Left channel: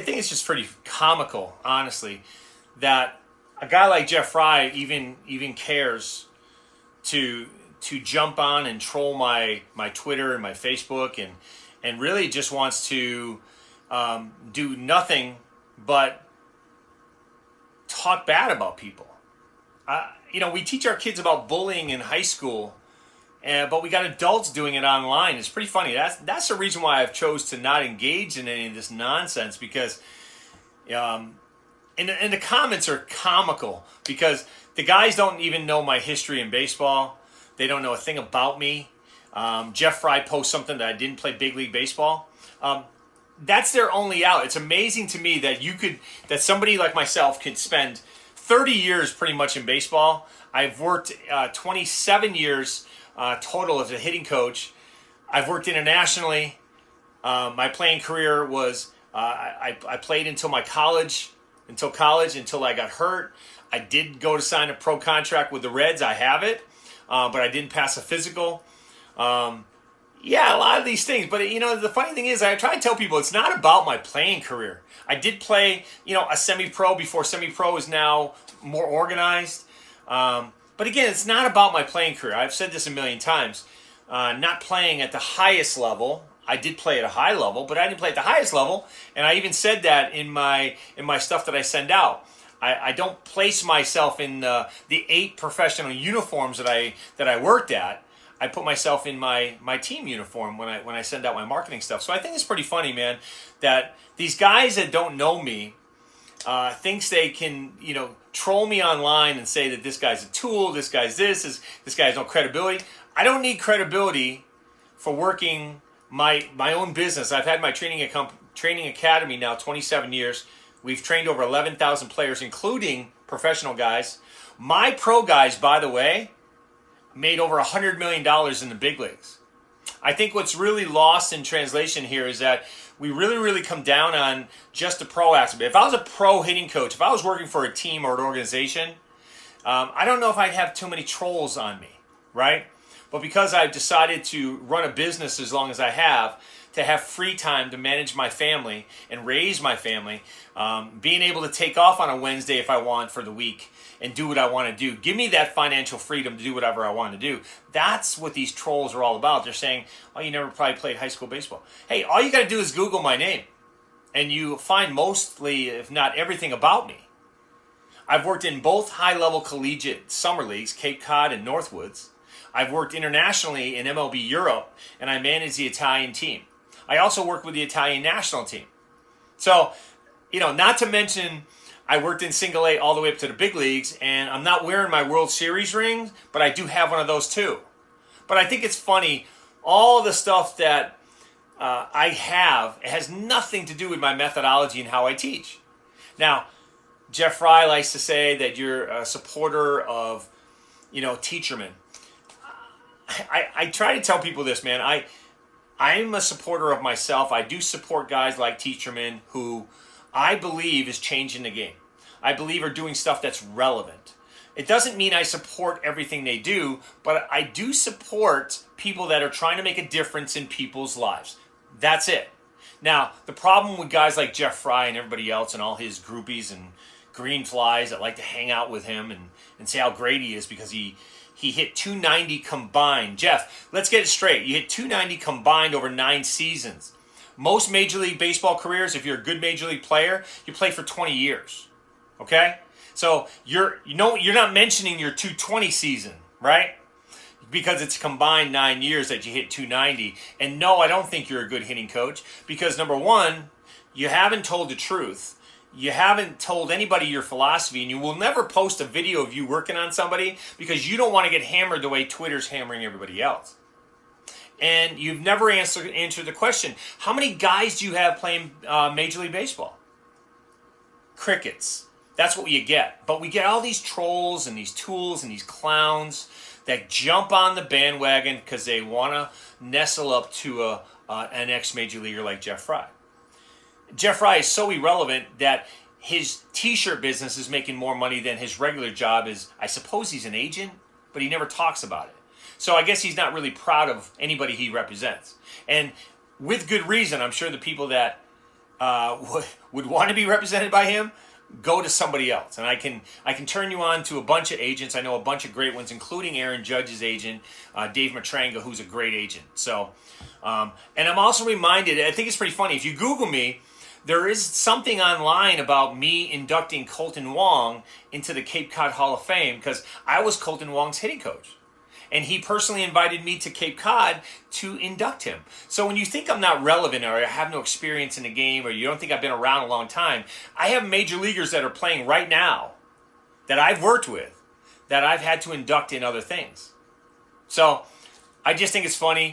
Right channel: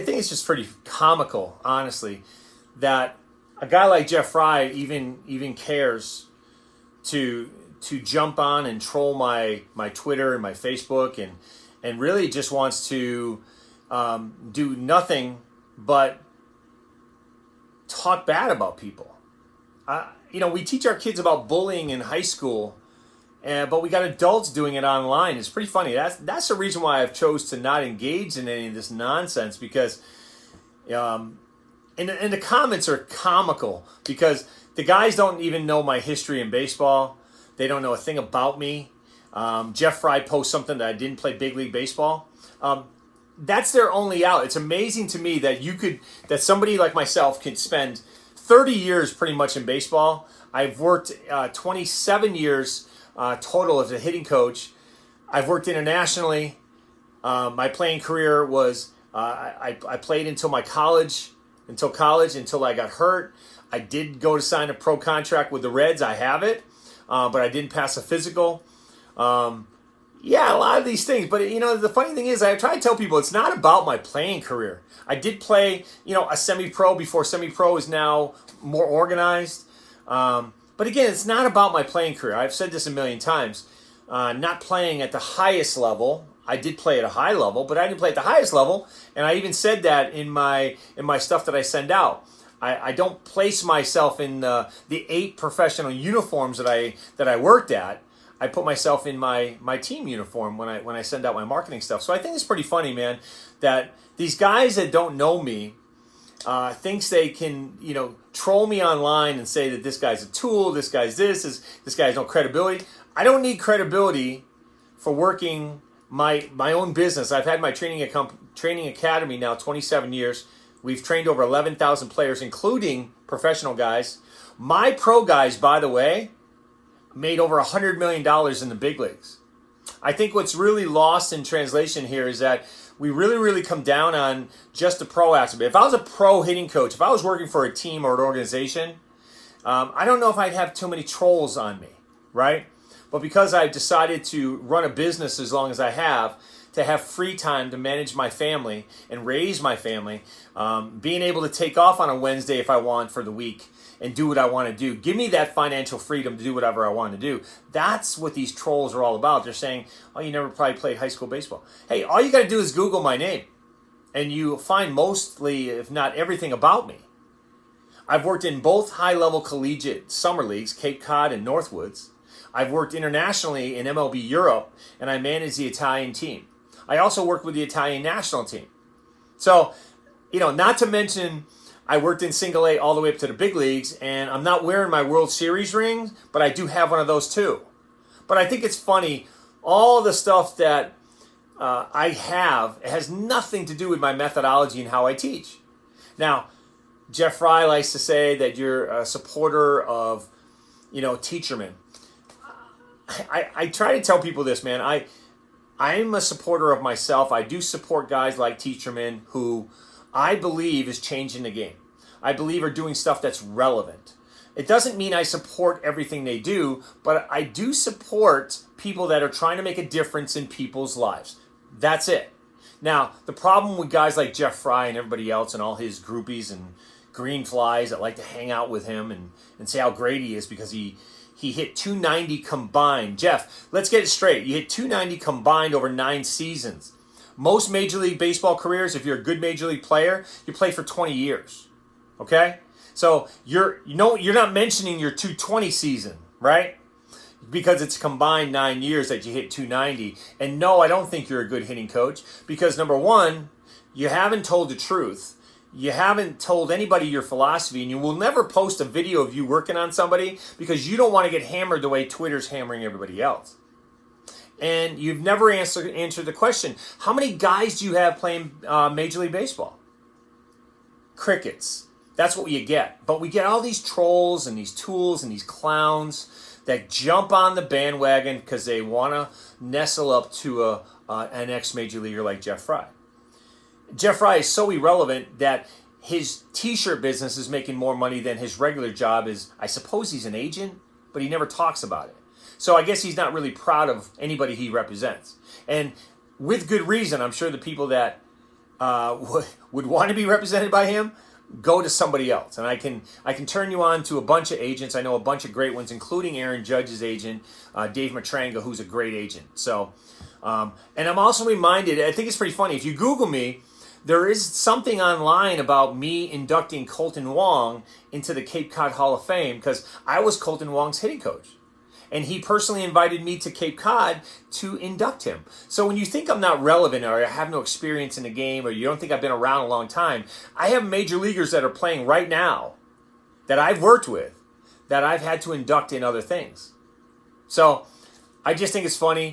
think it's just pretty comical, honestly, that a guy like Jeff Frye even cares to jump on and troll my Twitter and my Facebook and really just wants to do nothing but talk bad about people. We teach our kids about bullying in high school, but we got adults doing it online. It's pretty funny. That's the reason why I've chose to not engage in any of this nonsense, because and the comments are comical, because the guys don't even know my history in baseball. They don't know a thing about me. Jeff Frye posts something that I didn't play big league baseball. That's their only out. It's amazing to me that somebody like myself could spend 30 years pretty much in baseball. I've worked 27 years total as a hitting coach. I've worked internationally. My playing career was I played until college, until I got hurt. I did go to sign a pro contract with the Reds. I have it, but I didn't pass a physical. A lot of these things. But, the funny thing is, I try to tell people it's not about my playing career. I did play, a semi-pro before semi-pro is now more organized. But again, it's not about my playing career. I've said this a million times. Not playing at the highest level. I did play at a high level, but I didn't play at the highest level. And I even said that in my stuff that I send out. I don't place myself in the 8 professional uniforms that I worked at. I put myself in my team uniform when I send out my marketing stuff. So I think it's pretty funny, man, that these guys that don't know me thinks they can, troll me online and say that this guy's a tool, this guy's this guy has no credibility. I don't need credibility for working my own business. I've had my training academy now 27 years. We've trained over 11,000 players, including professional guys. My pro guys, by the way, made over $100 million in the big leagues. I think what's really lost in translation here is that we really, really come down on just the pro aspect. If I was a pro hitting coach, if I was working for a team or an organization, I don't know if I'd have too many trolls on me, right? But because I've decided to run a business as long as I have, to have free time to manage my family and raise my family, being able to take off on a Wednesday if I want for the week and do what I want to do. Give me that financial freedom to do whatever I want to do. That's what these trolls are all about. They're saying, oh, you never probably played high school baseball. Hey, all you got to do is Google my name, and you find mostly, if not everything about me. I've worked in both high-level collegiate summer leagues, Cape Cod and Northwoods. I've worked internationally in MLB Europe, and I manage the Italian team. I also work with the Italian national team. So, not to mention, I worked in single A all the way up to the big leagues, and I'm not wearing my World Series ring, but I do have one of those too. But I think it's funny, all the stuff that I have, it has nothing to do with my methodology and how I teach. Now, Jeff Frye likes to say that you're a supporter of, Teacherman. I try to tell people this, man. I'm a supporter of myself. I do support guys like Teacherman who I believe is changing the game. I believe are doing stuff that's relevant. It doesn't mean I support everything they do, but I do support people that are trying to make a difference in people's lives. That's it. Now, the problem with guys like Jeff Frye and everybody else and all his groupies and green flies that like to hang out with him and say how great he is because he hit 290 combined. Jeff, let's get it straight. You hit 290 combined over 9 seasons. Most Major League Baseball careers, if you're a good Major League player, you play for 20 years. Okay? So you're not mentioning your 220 season, right? Because it's combined 9 years that you hit 290. And no, I don't think you're a good hitting coach because, number one, you haven't told the truth. You haven't told anybody your philosophy, and you will never post a video of you working on somebody because you don't want to get hammered the way Twitter's hammering everybody else. And you've never answered the question, how many guys do you have playing Major League Baseball? Crickets. That's what you get. But we get all these trolls and these tools and these clowns that jump on the bandwagon because they want to nestle up to an ex-major leaguer like Jeff Frye. Jeff Frye is so irrelevant that his T-shirt business is making more money than his regular job is. I suppose he's an agent, but he never talks about it. So I guess he's not really proud of anybody he represents. And with good reason, I'm sure the people that would want to be represented by him, go to somebody else. And I can turn you on to a bunch of agents. I know a bunch of great ones, including Aaron Judge's agent, Dave Matranga, who's a great agent. So, and I'm also reminded, I think it's pretty funny, if you Google me, there is something online about me inducting Colton Wong into the Cape Cod Hall of Fame because I was Colton Wong's hitting coach. And he personally invited me to Cape Cod to induct him. So when you think I'm not relevant or I have no experience in the game or you don't think I've been around a long time, I have major leaguers that are playing right now that I've worked with that I've had to induct in other things. So I just think it's funny.